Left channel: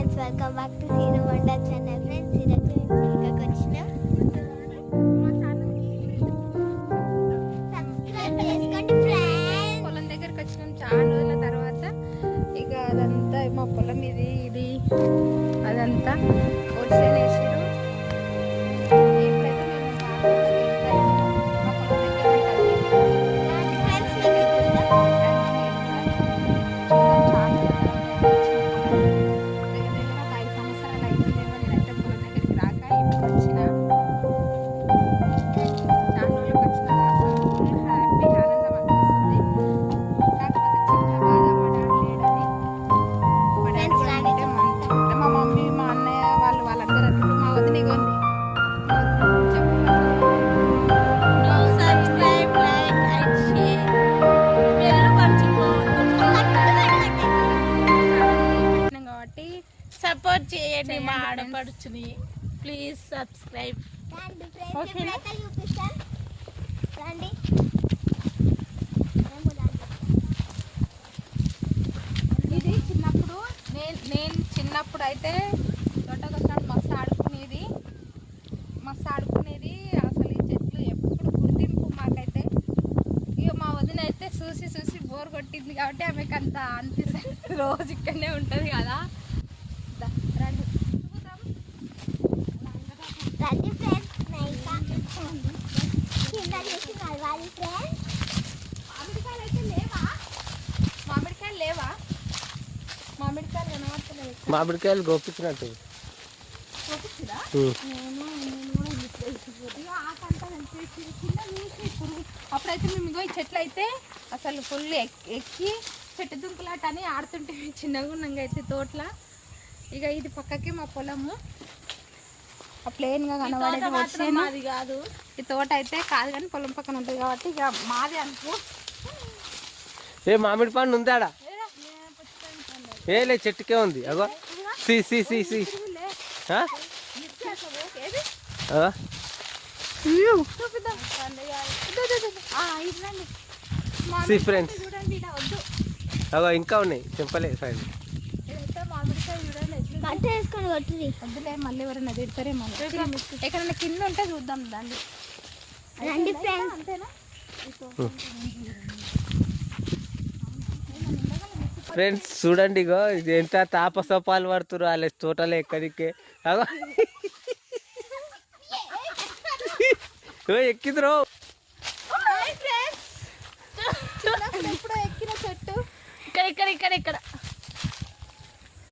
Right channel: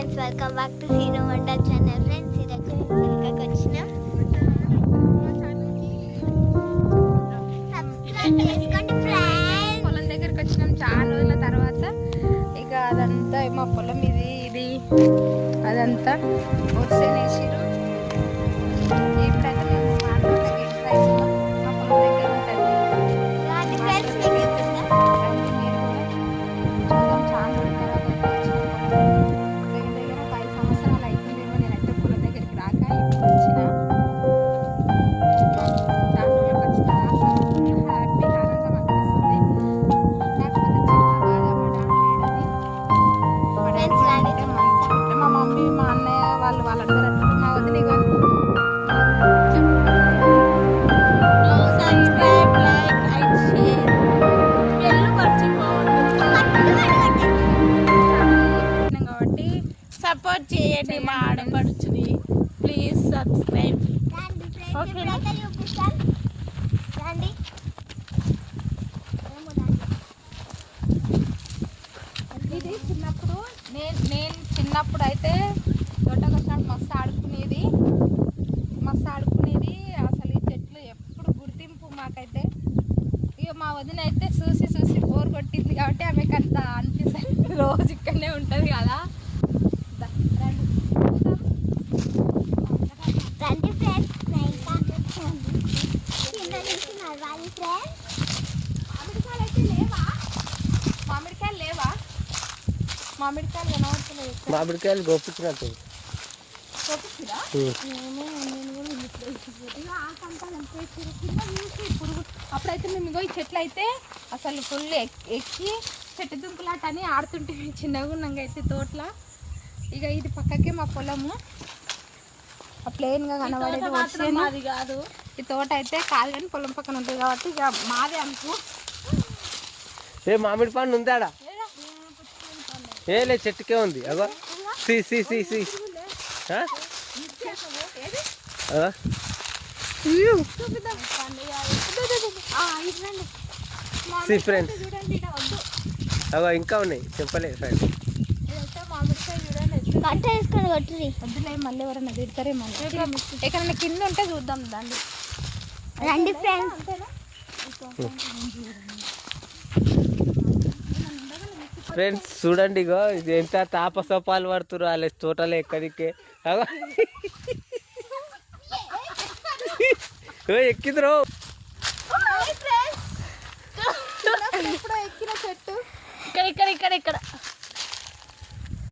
Friends, welcome back to Seenu Vanda channel. Friends, ఈరోజు మేము చిలుకకి వచ్చినాం. సబ్స్క్రైబ్ చేసుకోండి ఫ్రెండ్స్. పొలం దగ్గరికి వచ్చినాం చాలా రోజుల తర్వాత. ఇక అదంతా మా పొలం ఇది అదంతా వచ్చేనేసిరు. ఇప్పుడైతే మేము మార్కెట్లోకి ఎంత అవుతున్నాం. మా పొలం దగ్గర ఉంటుంది. ఫ్రెండ్స్, మీకు గుర్తుందా? రండి మీరు కూడా చూద్దాం. చాలా రోజుల తర్వాత అయితే వచ్చిన పొలం దగ్గర ఒక 5 సంవత్సరాలు అవుతుందేమో నేనైతే పొలం దగ్గరికి రాక. ఇప్పుడు వచ్చిన చాలా రోజులకు వచ్చిన ఫుల్ హ్యాపీ ఆనందం అనిపిస్తుంది. కాకపోతే చిన్న బాధ మా డాడీ లేడని. ఫ్రెండ్స్, రండి అంటే మా మమ్మీ మా అన్నయ్య వాళ్ళందరూ వస్తారు. మా వదిలి subscribe, like and share. Bell మర్చిపోవద్దు. కాబట్టి సపోర్ట్ చేయండి మా ఆడపడుచుని. Please subscribe. రండి ఫ్రెండ్స్, ఓకేనా? ఇప్పుడైతే చూపిస్తాం. రండి. ఇది చిన్నప్పుడు నేను చిన్నప్పుడు అయితే తోటకొచ్చినప్పుడు మస్తు ఆడుకునేది. అసలు ఈ చెట్లు ఎప్పుడు గుర్తింపు మాకైతే. ఇక మా వదిన అయితే చూసి బోర్ కొట్టింది కాబట్టి ఆమెకు అంత అనిపిస్తుంది. రోజు ఇక్కడనే ఉంటుంది కదా. రండి చూద్దాం. రండి ఫ్రెండ్స్, నా ఇంకా చిన్న నుంచి నడవాలి ఫ్రెండ్స్. మామిడికాయలు అయితే లేవా? మామిడికాయలు కనబడతలేదు. మామిడికాయలు గోపించినట్టు పురుగు అప్పుడైతే మేము ఇగో ఈ చెట్లు అయితే అసలు ఫుల్ ఎక్కి చెట్టు దుంకులాట అని ఆడుతుంటే చిన్నగా ఉన్నాగా అయితే తోటల. ఇక ఇది పక్కకి మా పొలము ప్లెయిన్గా కనబడేది. మాది కాదు, ఈ తోట అయితే కాదు కానీ పొలం పక్కన ఉంటుంది కాబట్టి ఇక మాదే అనుకో. ఏ మామిడి పండు ఉందాడా? ఏ లే, చెట్టుకే ఉంది. అగో సి సి సి సి ఫ్రెండ్స్, చూడండి ఇక్కడ వద్దు. అగో ఇంకా ఉన్నాయి, చెప్పలేదు ఫ్రెండ్స్. ఇదైతే మామిడికాయ చూడండి. కట్ట వేసుకొని కొట్టుది. వద్దులే, మళ్ళీ ఎవరైనా తిడతారే. మళ్ళీ ఎక్కడైనా కింద ఉంటే చూద్దాం దాన్ని. రండి ఫ్రెండ్స్. ఫ్రెండ్స్ చూడండి, ఇగో ఇది ఎంత తాపసోపాలు పడుతురు వాళ్ళ తోటలో ఎక్కడికే. అగో ఎక్కిందిరో. ఎప్పుడో ఎక్కిన చెట్టు ఇక్కడ